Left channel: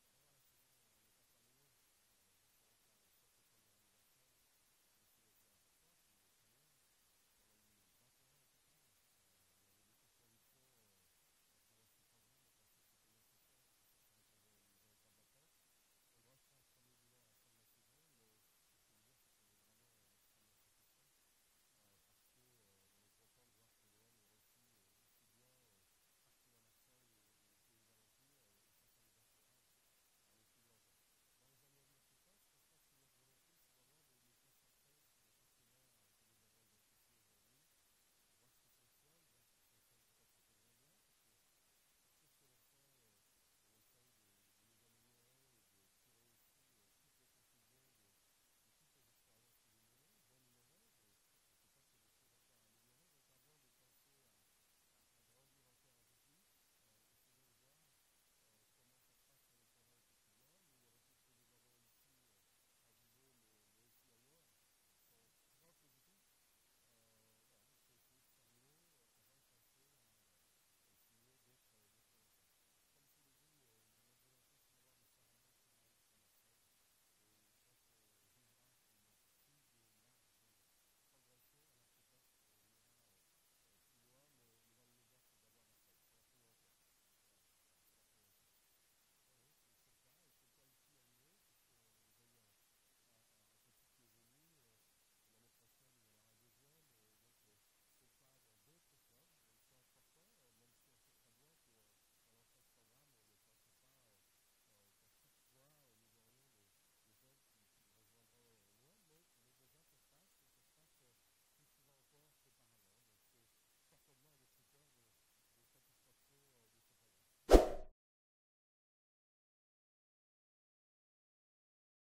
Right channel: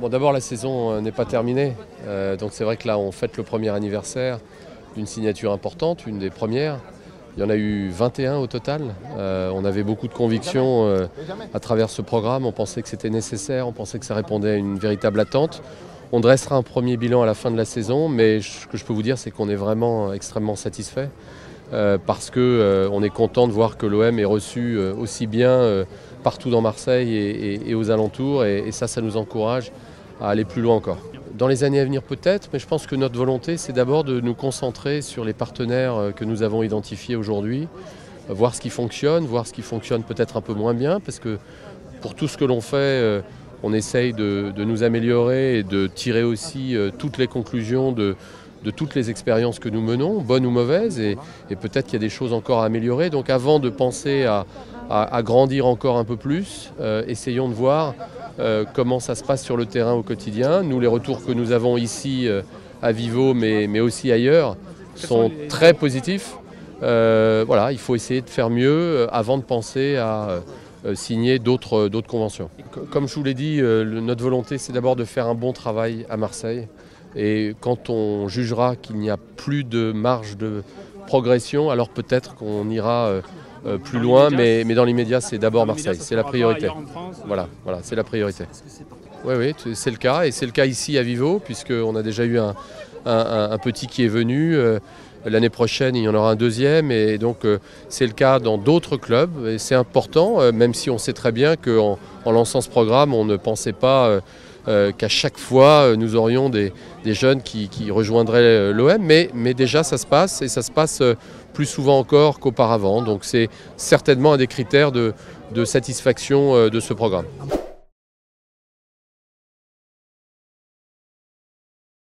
Bon, d'abord, la saison n'est pas terminée. Donc c'est vrai que là, on fête le premier anniversaire d'une signature importante, une des premières. Il y en a eu 21 au total. On avait beaucoup de convictions à travers ce programme. On pensait que c'était nécessaire, on pensait que ça répondait à une véritable attente. On dressera un premier bilan à la fin de la saison, mais ce que je peux vous dire, c'est qu'on est vraiment extrêmement satisfait parce qu'on est content de voir que l'OM est reçu aussi bien partout dans Marseille et aux alentours. Et ça nous encourage à aller plus loin encore. Dans les années à venir peut-être, mais je pense que notre volonté, c'est d'abord de nous concentrer sur les partenaires que nous avons identifiés aujourd'hui, voir ce qui fonctionne peut-être un peu moins bien, parce que pour tout ce que l'on fait, on essaye de nous améliorer et de tirer aussi toutes les conclusions de toutes les expériences que nous menons, bonnes ou mauvaises, et peut-être qu'il y a des choses encore à améliorer. Donc avant de penser à grandir encore un peu plus, essayons de voir comment ça se passe sur le terrain au quotidien. Nous, les retours que nous avons ici à Vivo, mais aussi ailleurs, sont très positifs. Voilà, il faut essayer de faire mieux avant de penser à signer d'autres conventions. Comme je vous l'ai dit, notre volonté, c'est d'abord de faire un bon travail à Marseille. Et quand on jugera qu'il n'y a plus de marge de progression, alors peut-être qu'on ira plus loin, mais dans l'immédiat, c'est d'abord Marseille, c'est la priorité. Voilà, c'est la priorité. Oui, c'est le cas, et c'est le cas ici à Vivo, puisqu'on a déjà eu un petit qui est venu. L'année prochaine, il y en aura un deuxième, et donc c'est le cas dans d'autres clubs. Et c'est important, même si on sait très bien qu'en lançant ce programme, on ne pensait pas qu'à chaque fois, nous aurions des jeunes qui rejoindraient l'OM. Mais déjà, ça se passe, et ça se passe plus souvent encore qu'auparavant. Donc c'est certainement un des critères de satisfaction de ce programme.